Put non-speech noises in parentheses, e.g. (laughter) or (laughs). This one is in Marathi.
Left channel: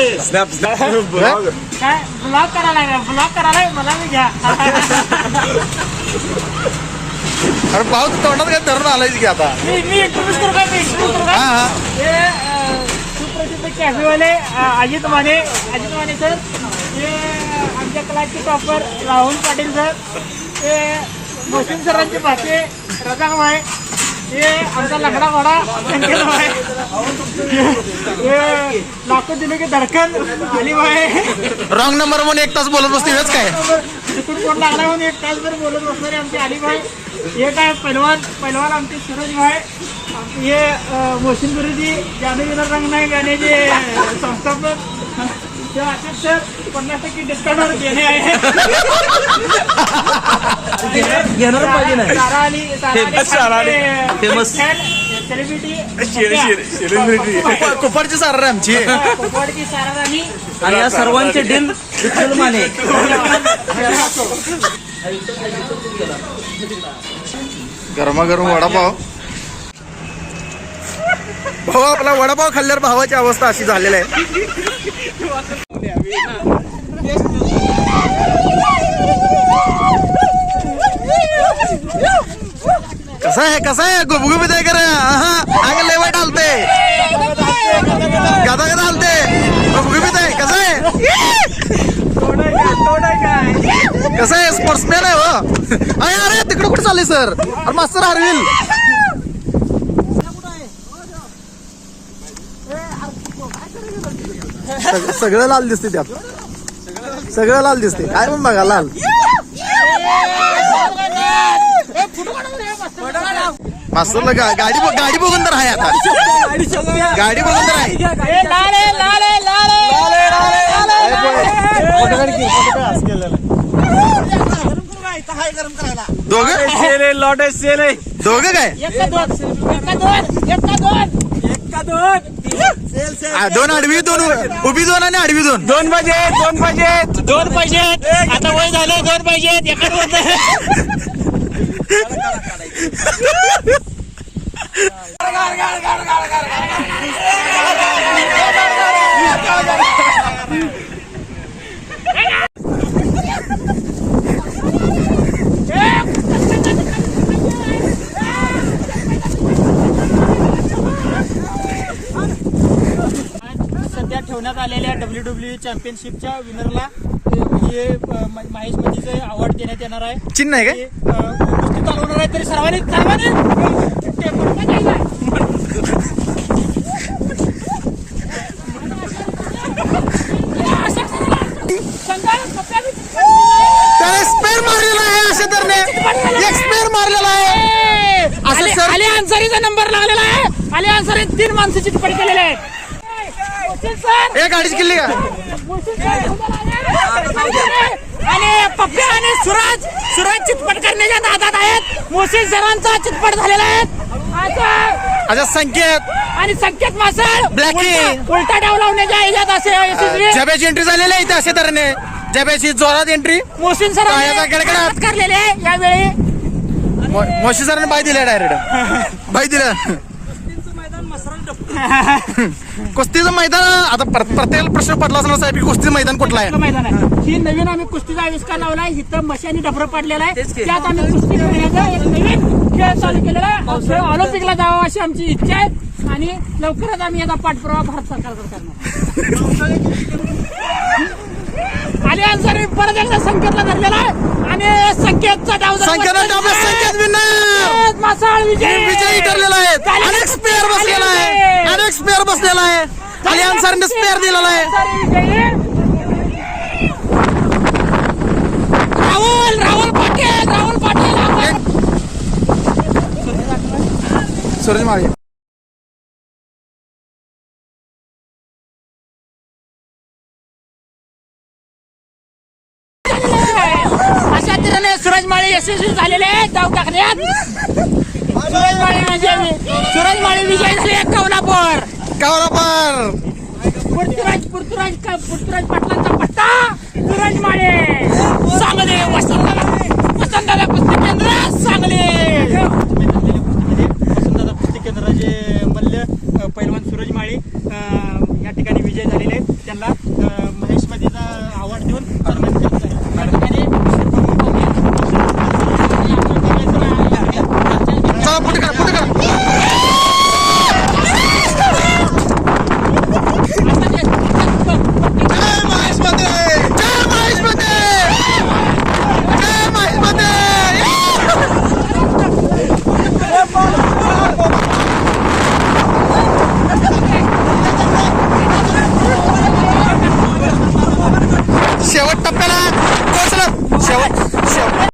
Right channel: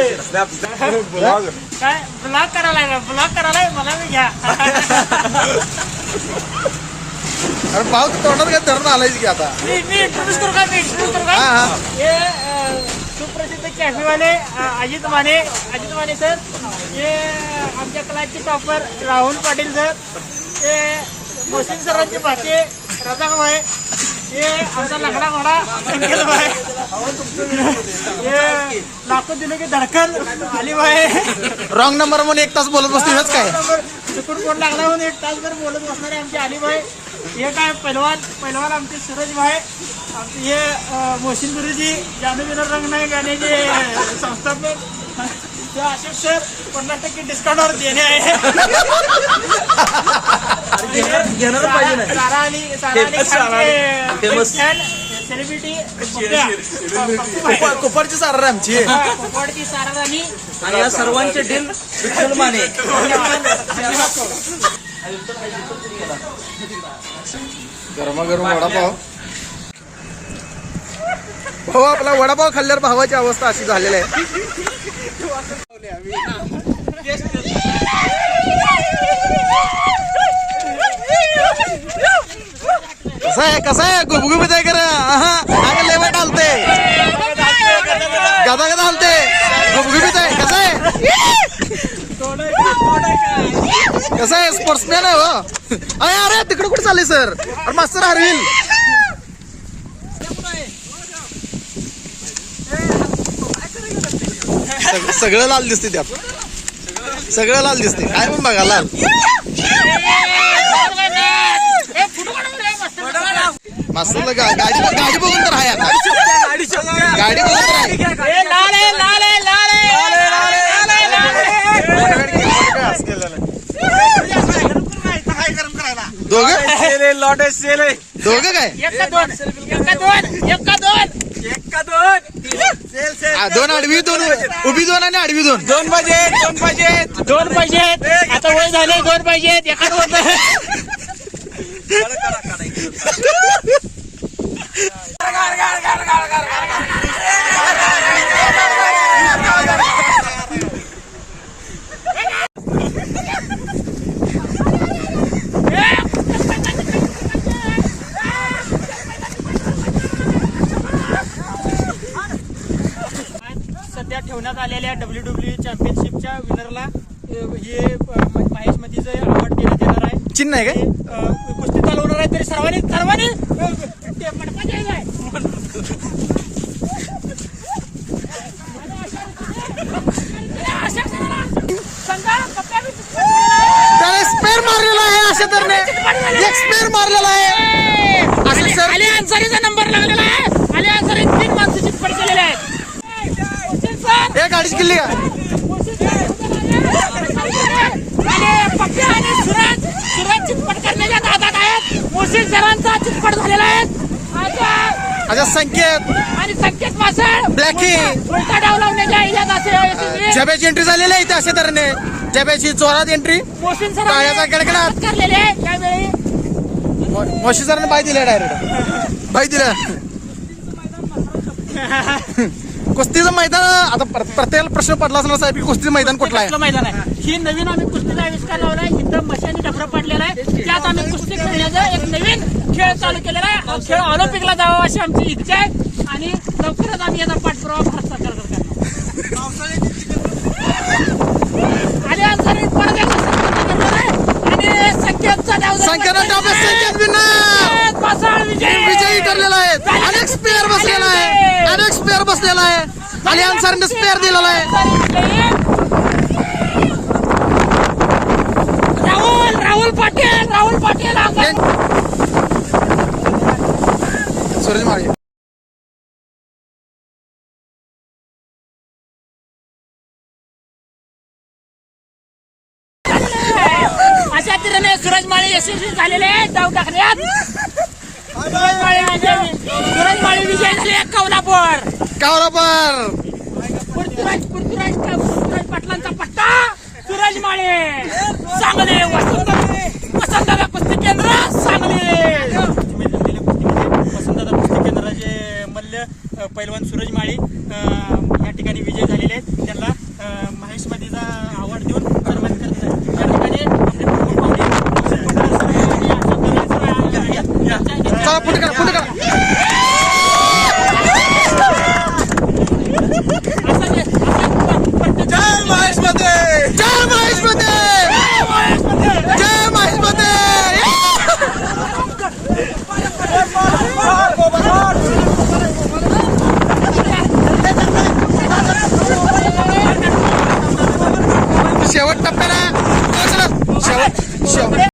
(laughs) काय? ब्लॉक करायला ब्लॉक करायला मला मी घ्या. (laughs) अरे भाऊ तू तोंडात काय धरून आलायच की आता? मी मी इंट्रोड्यूस करू का मी इंट्रोड्यूस करू हा का हा. हे अ, सुप्रसिद्ध कॅफेवाले अ, अजित माने अजित माने सर हे आमच्या क्लासचे टॉपर राहुल पाटील सर हे मोहसिन सरांचे भाचे रजाक भाई. हे आमचा लंगडा घोडा संकेत भाई. लाखो दिलो की धडकन अली भाई रॉंग नंबर म्हणून एक तास बोलत बसते हेच काय? चुकून कोण लागला म्हणून एक तासभर बोलत बसणारे आमचे अलीभाई हे काय पहिलवान पहिलवान आमचे सूरज भाई आमचे हे मोहसिन गुरुजी जादूविनर रंग नाही गाण्याचे संस्थापक. ते अशोक सर पन्नास टक्के डिस्काउंटवर देणे आहे. घेणार पाहिजे सारा अली सारा अली. सेलिब्रिटी कुपारची सार आमची. कोपवाडची सारा राणी आणि या सर्वांचे डील विठ्ठल माने गरमागरम वडापाव. भाऊ आपला वडापाव खाल्ल्यावर भावाची अवस्था अशी झालेली आहे. कसं आहे कसं आहे? गुबगुबीत आहे कर अंग लेवट हालते. गदा गदा हलते. गुबगुबीत आहे कसं आहे? कसं आहे? स्पोर्ट्समॅन आहे हो. अरे अरे तिकडे कुठे चालले सर अरे मास्तर हरविल. सगळं लाल दिसते त्यात. सगळं लाल दिसते. काय पण बघा लाल. मास्तरला गा- गाडी ब- गाडी बघून तर आहे आता. गाडी बघून तर आहे दोघं? दोघं काय? दोन? एका दोन? एका दोन? एका दोन? आ, दोन आडवी दोन उ- उभी दोन आणि आडवी दोन. दोन पाहिजे दोन पाहिजेत दोन पाहिजेत आता वय झाले दोन पाहिजेत एका दोन? (laughs) ठेवण्यात आलेल्या डब्ल्यू डब्ल्यू चॅम्पियनशिपच्या विनरला हे माहिती म- महेश मतीचं अवॉर्ड देण्यात येणार आहे चिन्ह आहे काय? कुस्ती चालवणार आहे तरी सर्वांनी सर्वांनी. त्याने स्पेअर मारलेला आहे अशा तरने एक स्पेअर मारलेला आहे. असं अली- सर अली अन्सारीचा नंबर लागलेला आहे. अली अन्सारी तीन माणसं चितपट केलेले आहेत. हुसेन सर एक अडीच किल्ली का? आणि आणि सुरज सुरज चितपट करण्याच्या नादात आहेत. मुसीन सरांचा चितपट झालेला आहे. अच्छा संकेत. आणि संकेत मासळ ब्लॅकी. उलटा- डाव लावण्याच्या असे. जब्याची एंट्री झालेली आहे इथे अशा तऱ्हेने. जब्याची जोरात एंट्री मोहसिन सर टाळ्याचा कडकडाट. करलेले आहे. यावेळी मोशी सरांनी बाय दिले डायरेक्ट बाय दिलं कुस्तीचं मैदान आता प्र- प्रत्येक प्रश्न पडला असला साहेब की कुस्तीचं मैदान कुठलं आहे? मैदान आहे. ही नवीन आम्ही कुस्तीचा आविष्कार लावला आहे इथं मशानी डफरं पडलेला आहे. त्यात आम्ही कुस्ती खेळण्याचा एक नवीन खेळ चालू केलेला आहे. हा खेळ ऑलिम्पिकला जावा अशी आमची इच्छा आहे. आणि लवकरच आम्ही याचा पाठपुरावा भारत सरकारकडे करणार (laughs) आणि अन्सारी परत एकदा संकेत धरलेला संकेत डाव्या संकेत विनर विजय ठरलेला आहे. अनेक स्पेअर बसलेला आहे. अनेक स्पेअर बसलेला आहे. आणि अन्सारीने स्पेअर दिलेला आहे. राहुल राहुल पाटील राहुल पाटील सूरज माळे तऱ्हेने सूरज माळे यशस्वी झालेले आहेत डाव टाकण्यात सूरज माळे विजय सूरज माळे विजय कौलापूर कावरापर पृथ्वीराज पृथ्वीराज पृथ्वीराज पाटलांचा पट्टा सूरज माळे सांगली वसंत वसंतदादा कुस्ती केंद्र सांगली. वसंतदादा कुस्ती केंद्राचे मल्ल पैलवान सूरज माळे या ठिकाणी विजय झालेले आहेत. पुट करा पुट करा. जय महेश मते शेवट टप्प्याला पोहोचलं. शेवट शेवट.